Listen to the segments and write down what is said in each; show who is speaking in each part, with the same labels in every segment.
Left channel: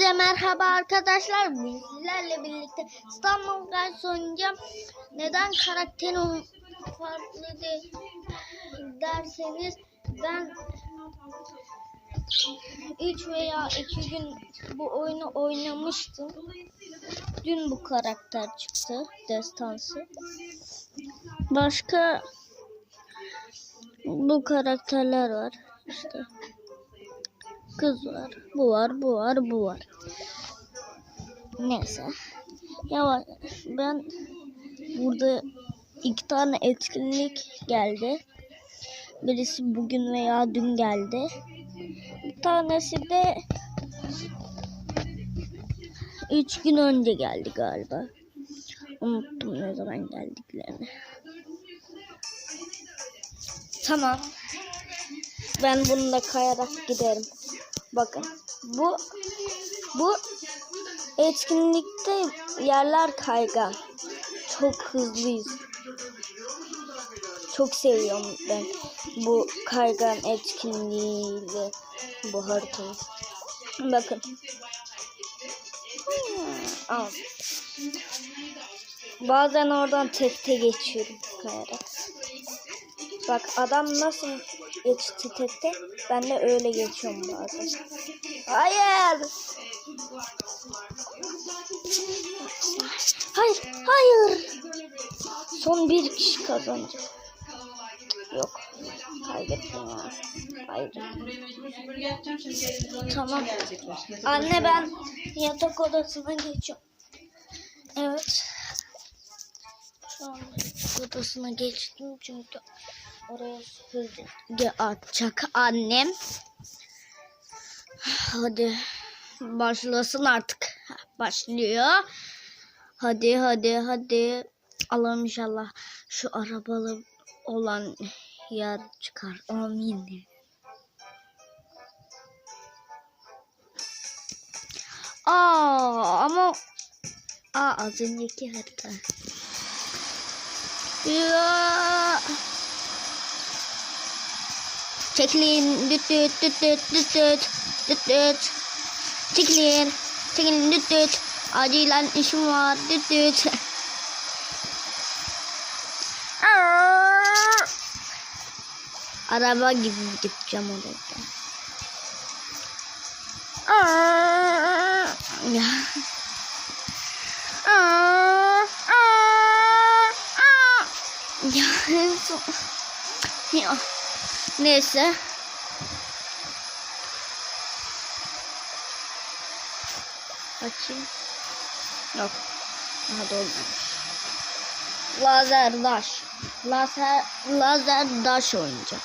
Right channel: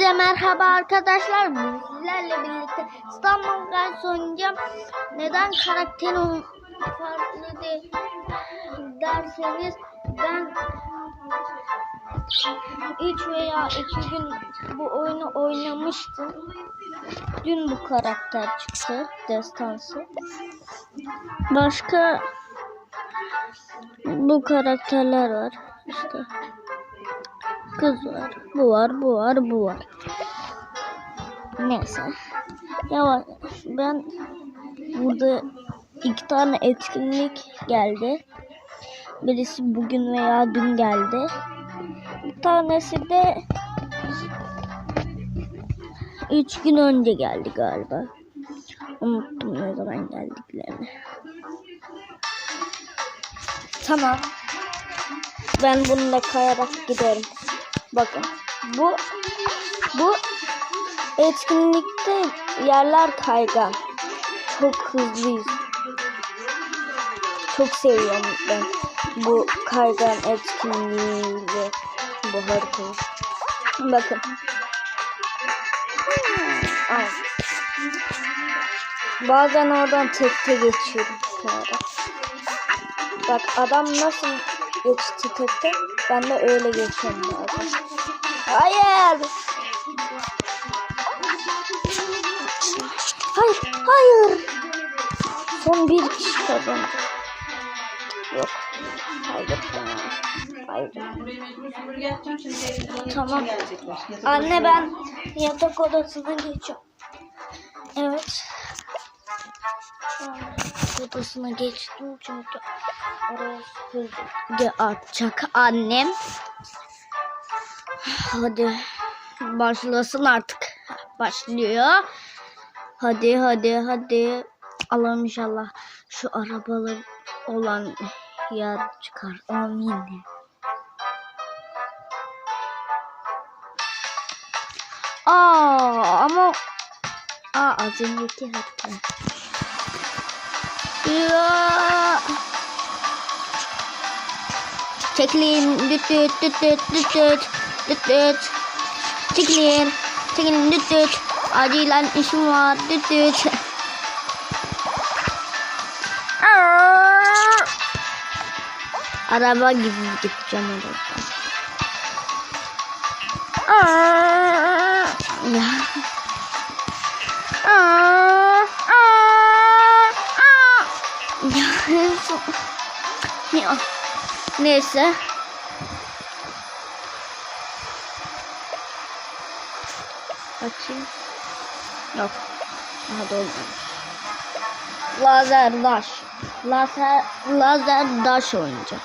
Speaker 1: Hepinize merhaba arkadaşlar. Sizlerle birlikte İstanbul Guys oynayacağım. Neden karakterim farklı değil derseniz ben 3 veya 2 gün bu oyunu oynamıştım. Dün bu karakter çıktı. Destansı. Başka bu karakterler var. İşte kız var. Bu var, bu var, bu var. Neyse. Ya ben burada iki tane etkinlik geldi. Birisi bugün veya dün geldi. Bir tanesi de üç gün önce geldi galiba. Unuttum ne zaman geldiklerini. Tamam. Ben bununla kayarak giderim. Bakın. Bu bu etkinlikte yerler kaygan. Çok hızlıyız. Çok seviyorum ben bu kaygan etkinliğiyle bu haritayı. Bakın. Aa. Bazen oradan tekte geçiyorum. Bak adam nasıl geçti tekte? Ben de öyle geçiyorum bazen. Hayır. Hayır, hayır. Son bir kişi kazandı. Yok. Hayır. Hayır. Tamam. Anne ben yatak odasına geçiyorum. Evet. An odasına geçtim çünkü oraya süpürge atacak annem. Hadi başlasın artık. Başlıyor. Hadi hadi hadi. Allah'ım inşallah şu arabalar olan yer çıkar. Amin. Aa ama Aa az önceki hatta yapıyor. Çekilin. Düt düt düt düt düt düt. Düt düt. Çekilin. Çekilin düt düt. Acilen işim var. Düt düt. Araba gibi gideceğim oradan. Aa. Ya. Neyse. Açayım. Yok. Aha dolmuş. Lazer daş. Lazer, lazer daş oynayacağım.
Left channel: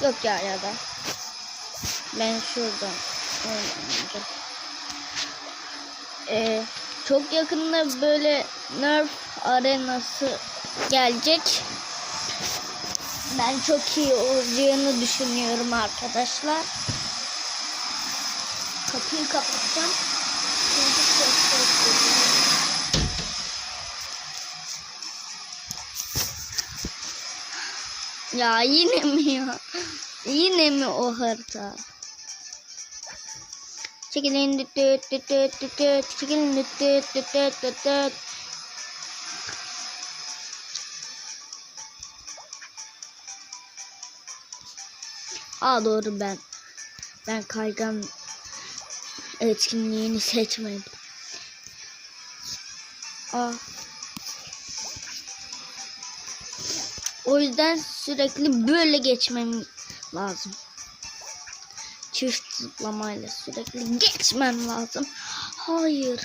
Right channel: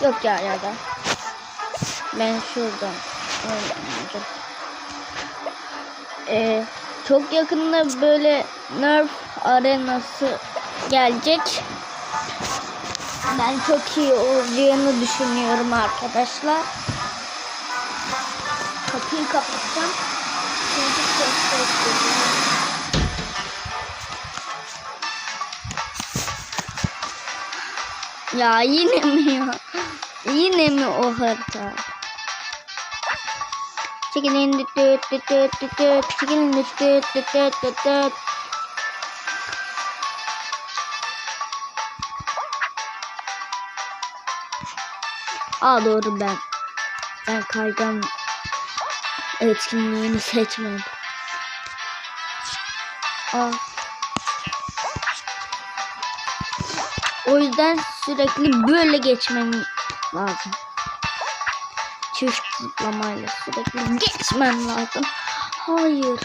Speaker 1: Yok ya ya da. Ben şuradan oynayacağım. Ee, çok yakında böyle Nerf arenası gelecek. Ben çok iyi olacağını düşünüyorum arkadaşlar. Kapıyı kapatacağım. Ya yine mi ya? Yine mi o harita? Çekilin düt düt düt düt düt. Çekilin düt düt düt düt Aa doğru ben. Ben kaygan etkinliğini seçmedim. Aa. O yüzden sürekli böyle geçmem lazım. Çift zıplamayla sürekli geçmem lazım. Hayır.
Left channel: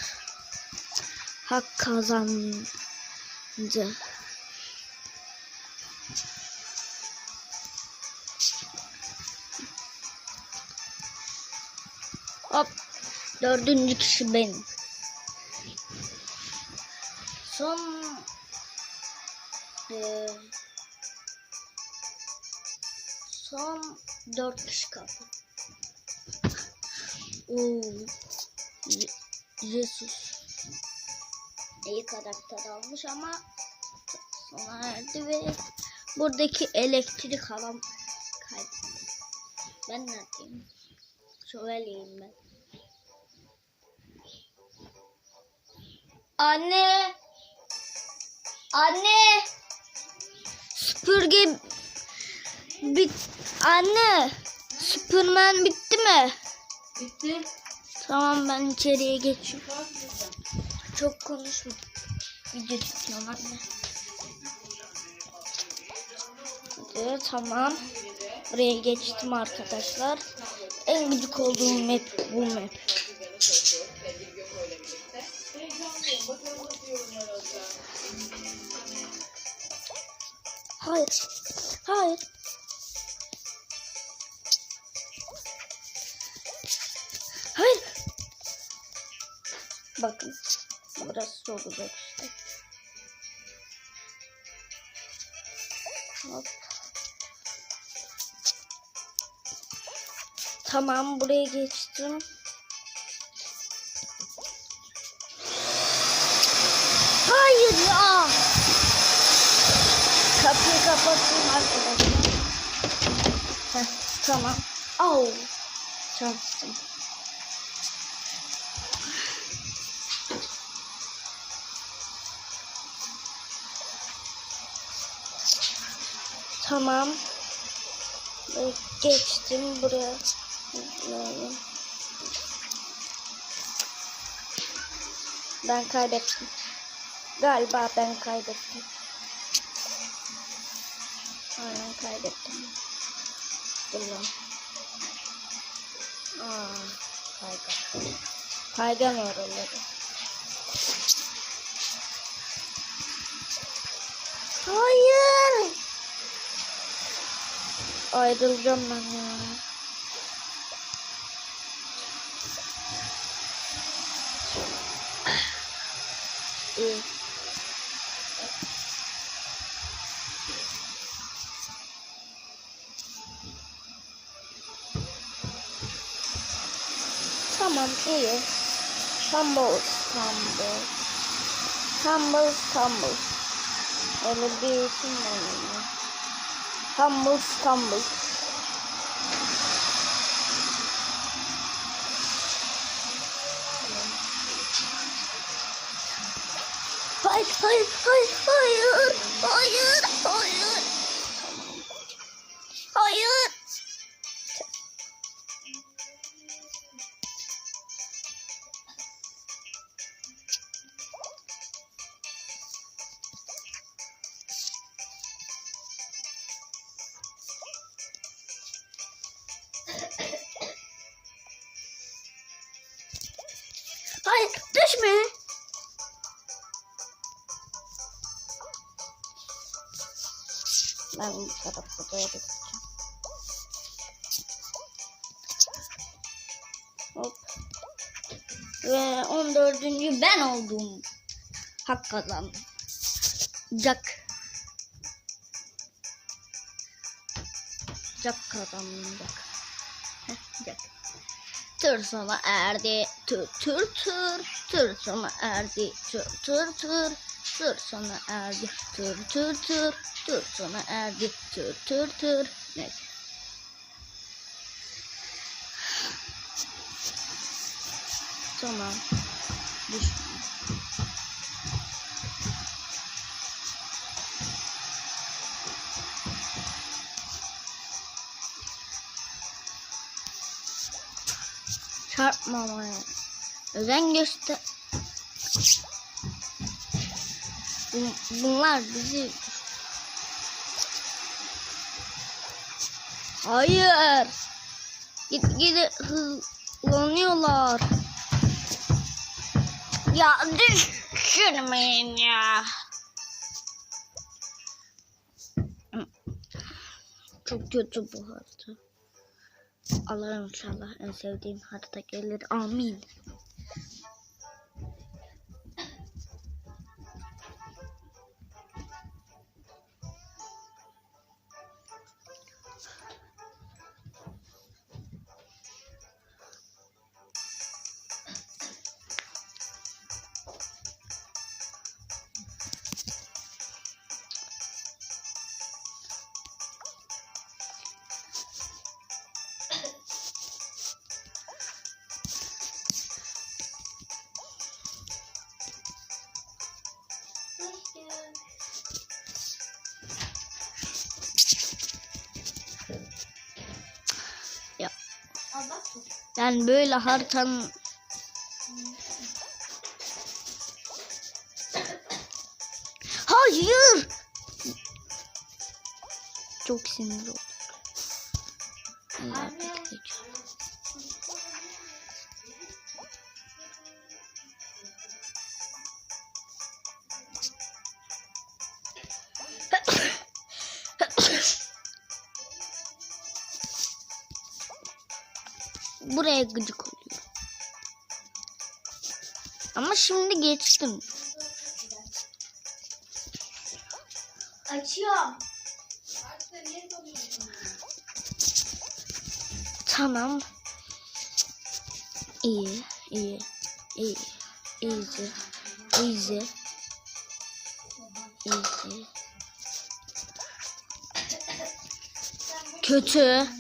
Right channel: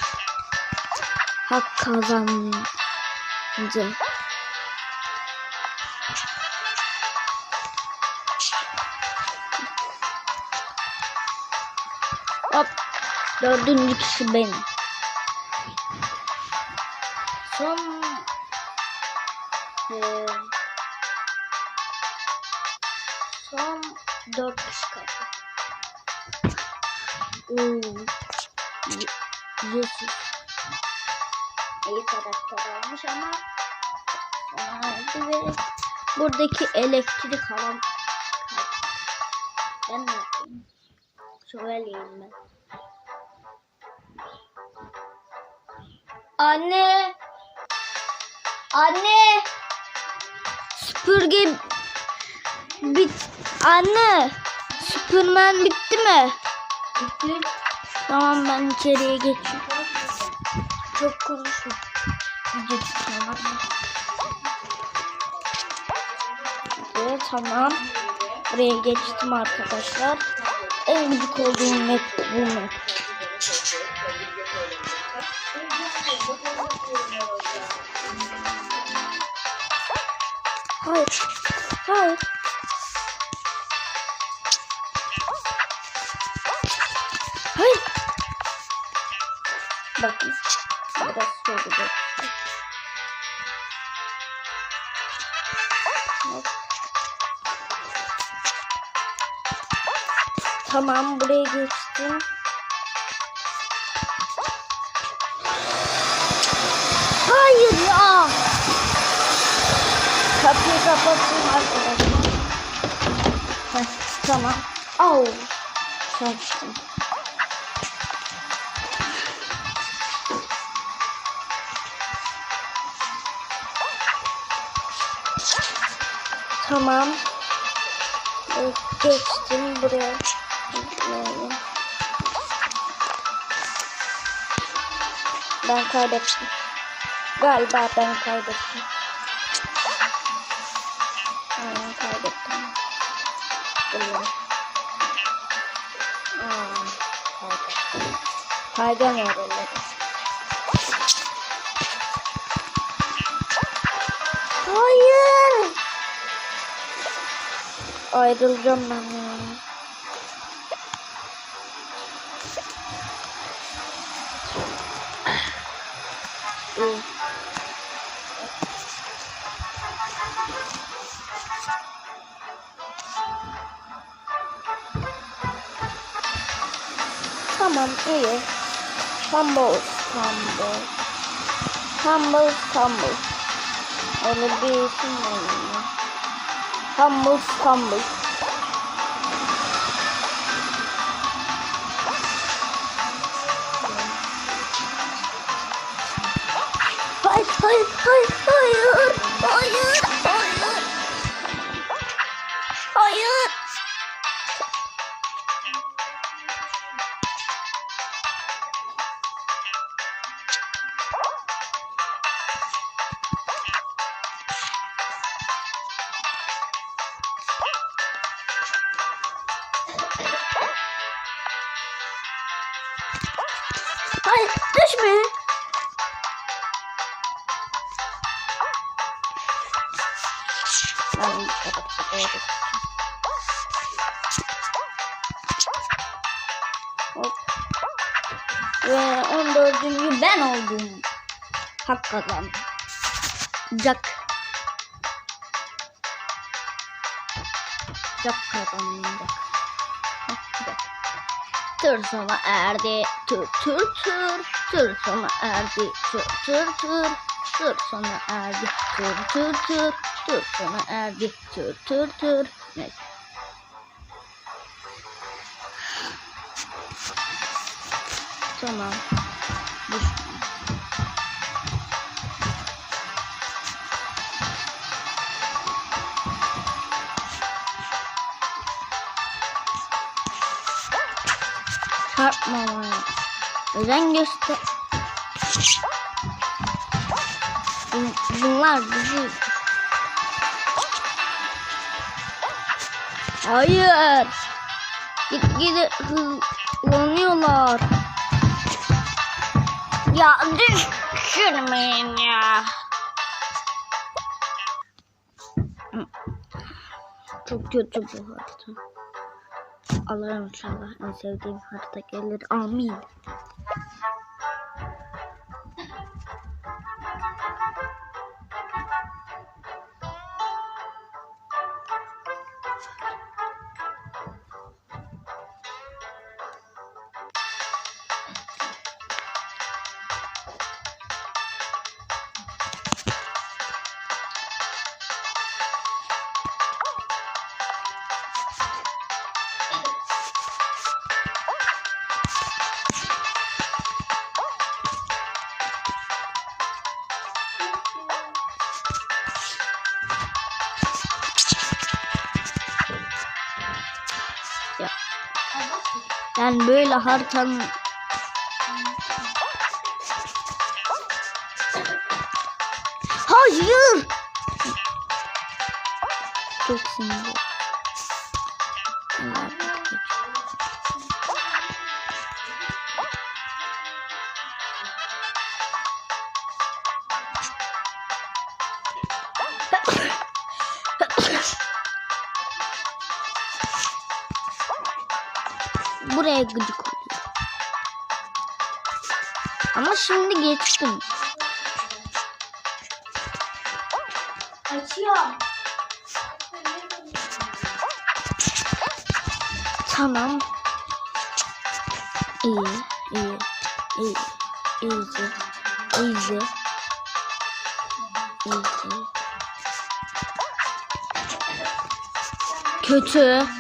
Speaker 1: Hak kazandı. Dördüncü kişi benim. Son eee, son dört kişi kaldı. Oo. Y- Yusuf. İyi karakter almış ama sonraydı ve buradaki elektrik alan Ben ne yapayım? Şövaleyim ben. Anne. Anne. Süpürge bit. Anne. Süpürmen bitti mi? Bitti. Tamam ben içeriye geçeyim. Çok konuşma. Evet tamam. Buraya geçtim arkadaşlar. En gıcık olduğum map bu map. Hayır. Hayır. Hayır. Bakın. Biraz soracak. Tamam buraya geçtim. Kapattım arkadaşlar. Tamam. Au. Çarptım. Tamam. Evet, geçtim buraya. Ben kaybettim. Galiba ben kaybettim. Kaybedemiyor öyle. Hayır. Ayrılacağım ben ya. Tamam iyi. Stumble, stumble. Stumble, stumble. Öyle bir isim var. Stumble, stumble. Hayır, hayır, hayır, hayır, hayır. Hayır. Hayır, Ve 14. ben oldum. Hak kazandım. Jack. Jack kazandım. Tır sona erdi. Tır tır tır. Tır sona erdi. Tır tır tır. Tır sona erdi. Tır tır tır. Tır sona erdi. Tır tır tır. Neyse. Tamam. Çarpma. Özen göster. Bun- Bunlar bizi... Hayır. Gitgide hızlanıyorlar. Ya düşürmeyin ya. Çok kötü bu harita. Allah'ım inşallah en sevdiğim harita gelir. Amin. Yani böyle haritanın Hayır. Çok sinirli. Buraya gıcık oluyor. Ama şimdi geçtim.
Speaker 2: Açıyorum.
Speaker 1: Tamam. İyi, iyi, iyi, easy, easy, easy. Kötü.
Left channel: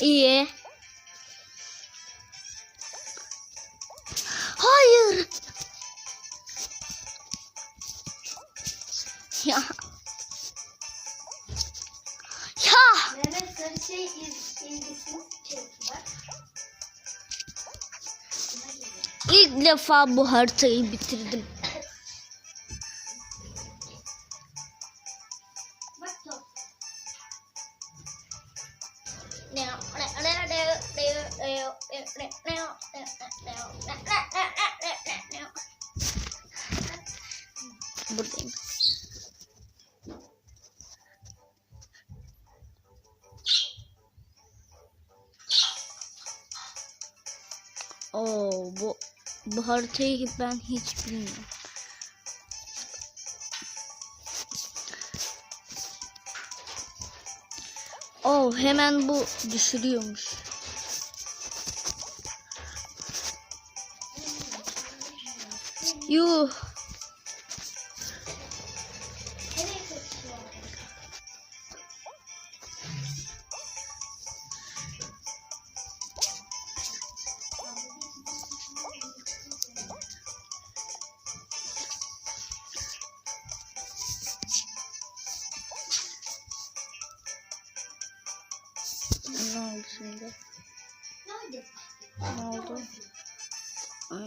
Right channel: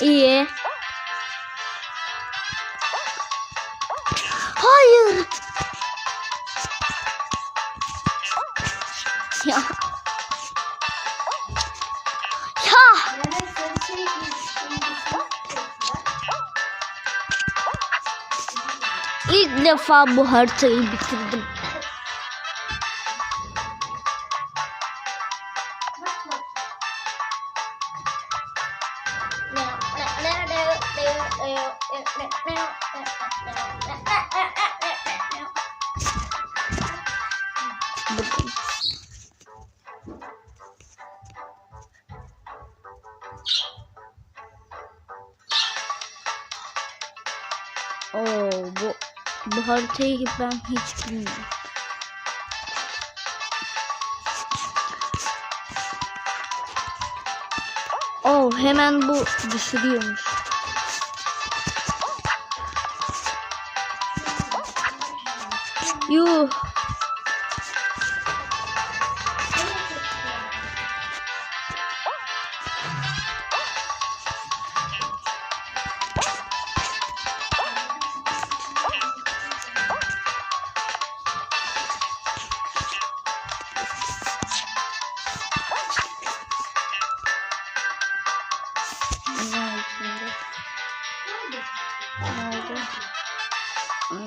Speaker 1: İyi. Hayır. Ya. Ya. İlk defa bu haritayı bitirdim. Oo, bu bu haritayı ben hiç bilmiyorum. Oh hemen bu düşürüyormuş. Yuh.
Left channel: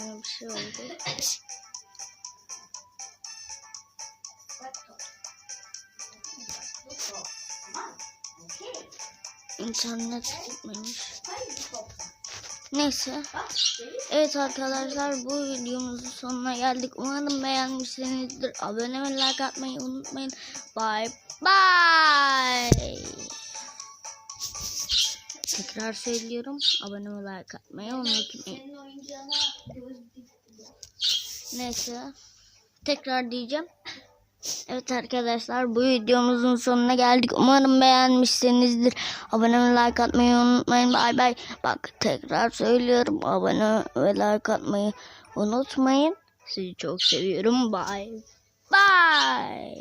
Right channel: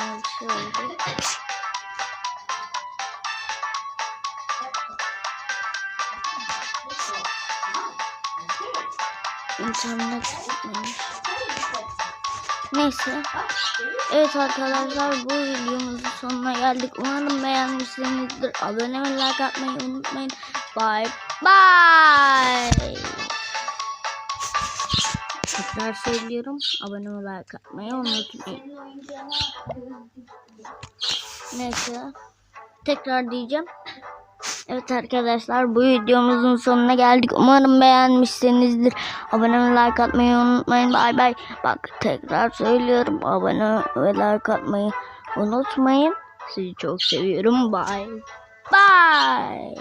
Speaker 1: Bir şey oldu. Neyse. Evet arkadaşlar bu videomuzun sonuna geldik. Umarım beğenmişsinizdir. Abone ve like atmayı unutmayın. Bye bye. Tekrar söylüyorum. Abone ve like atmayı unutmayın. Neyse. Tekrar diyeceğim. Evet arkadaşlar bu videomuzun sonuna geldik. Umarım beğenmişsinizdir. Abone ve like atmayı unutmayın. Bay bay. Bak tekrar söylüyorum. Abone ve like atmayı unutmayın. Sizi çok seviyorum. Bye. Bye.